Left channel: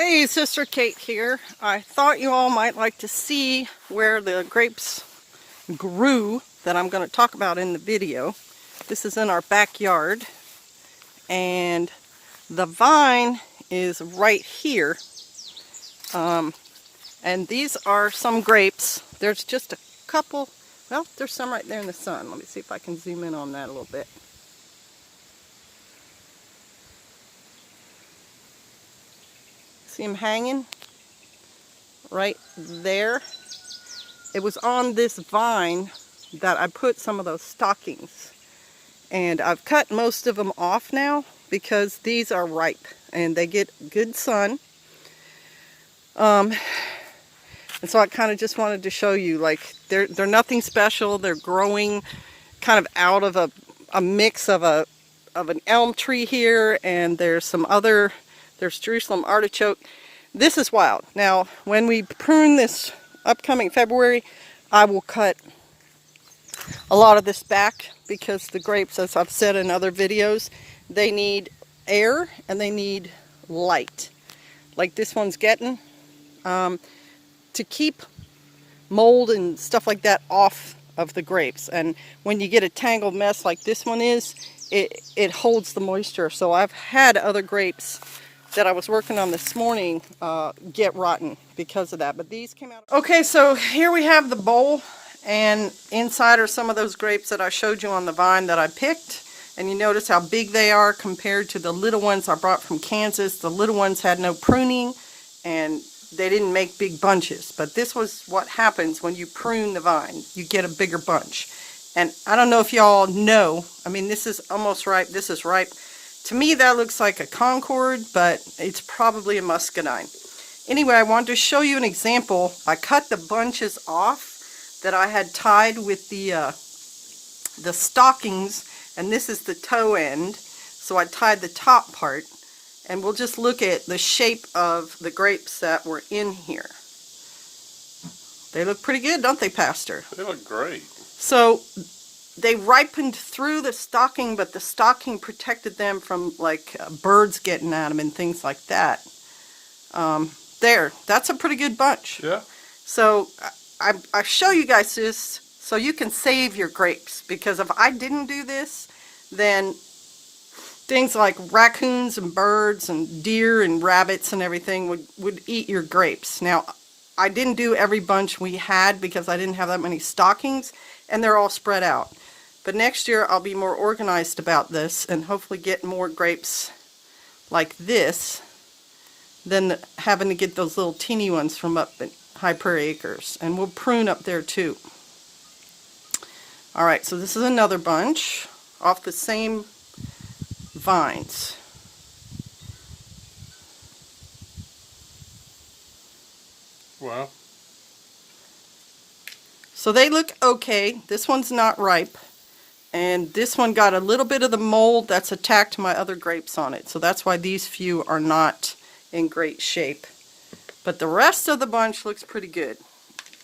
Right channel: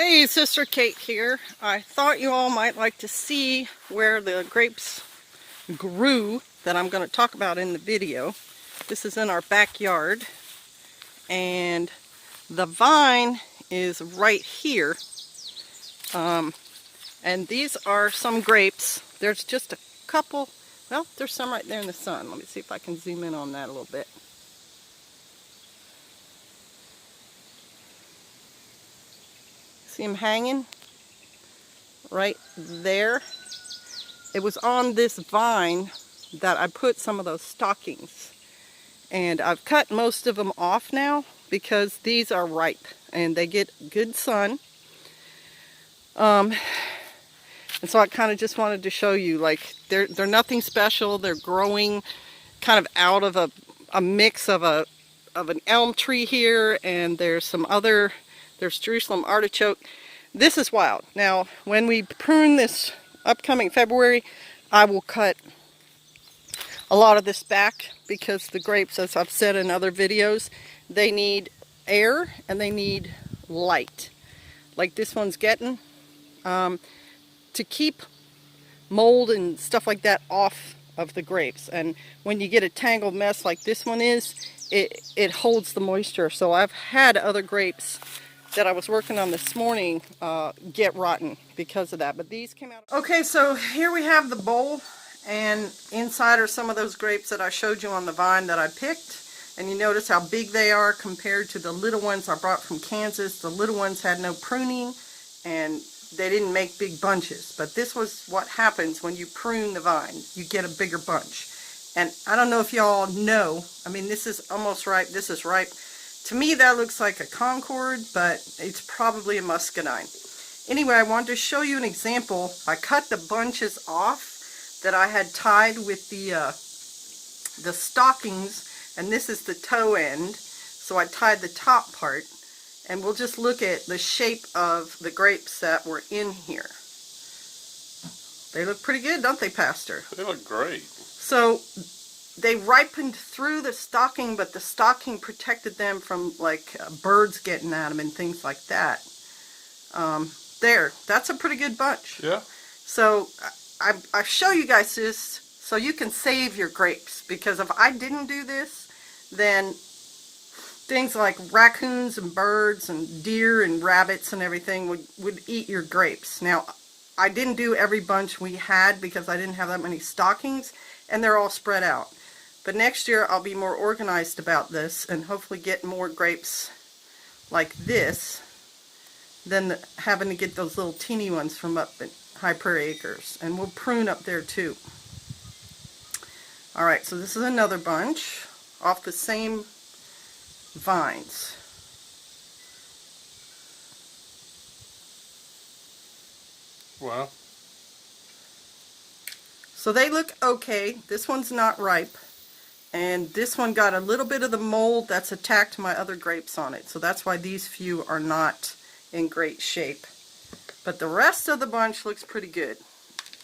Hey, Sister Kate here. I thought you all might like to see where the grapes grew that I'm going to talk about in the video. This is in our backyard, and the vine is right here. And these are some grapes. There's just a couple, well, there's some right there in the sun. Let me see if I can zoom in on that a little bit. See them hanging right there? It was on this vine that I put some of those stockings. And I've cut most of them off now because these are ripe and they get good sun. And so I kind of just wanted to show you, like, they're nothing special. They're growing kind of out of a mix of an elm tree here, and there's Jerusalem artichoke. This is wild. Now, when we prune this upcoming February, I will cut a lot of this back because the grapes, as I've said in other videos, they need air and they need light. Like this one's getting, to keep mold and stuff like that off of the grapes. And when you get a tangled mess like this one is, it holds the moisture. So I've had other grapes that I was working on this morning get rotten because of that. But these came out. Okay, so here we have the bowl, and inside are some of those grapes that I showed you on the vine that I picked. And you notice how big they are compared to the little ones I brought from Kansas. The little ones had no pruning and they didn't make big bunches. But this was what happens when you prune the vine. You get a bigger bunch. And I don't know if y'all know, I mean, this is almost ripe. This is ripe. To me, that looks like a Concord, but it's probably a muscadine. Anyway, I wanted to show you an example. I cut the bunches off that I had tied with the stockings, and this is the toe end. So I tied the top part, and we'll just look at the shape of the grapes that were in here. They look pretty good, don't they, Pastor? They look great. So they ripened through the stocking, but the stocking protected them from like birds getting at them and things like that. That's a pretty good bunch. Yeah. So I show you guys this so you can save your grapes, because if I didn't do this, then things like raccoons and birds and deer and rabbits and everything would eat your grapes. Now, I didn't do every bunch we had because I didn't have that many stockings, and they're all spread out. But next year I'll be more organized about this and hopefully get more grapes like this than having to get those little teeny ones from up at High Prairie Acres. And we'll prune up there too. Alright, so this is another bunch off the same vines. Wow. So they look okay. This one's not ripe. And this one got a little bit of the mold that's attacked my other grapes on it. So that's why these few are not in great shape. But the rest of the bunch looks pretty good.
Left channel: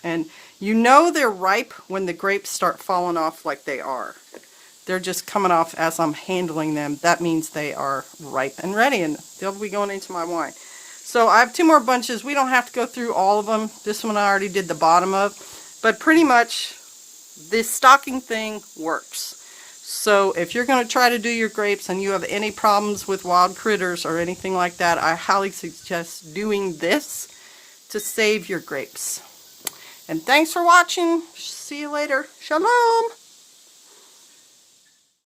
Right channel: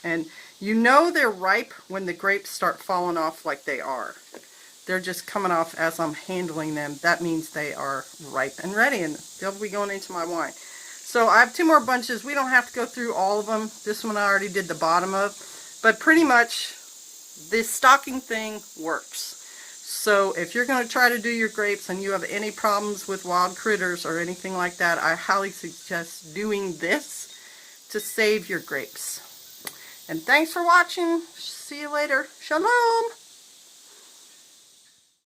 And you know they're ripe when the grapes start falling off like they are. They're just coming off as I'm handling them. That means they are ripe and ready, and they'll be going into my wine. So I have two more bunches. We don't have to go through all of them. This one I already did the bottom of. But pretty much this stocking thing works. So if you're going to try to do your grapes and you have any problems with wild critters or anything like that, I highly suggest doing this to save your grapes. And thanks for watching. See you later. Shalom.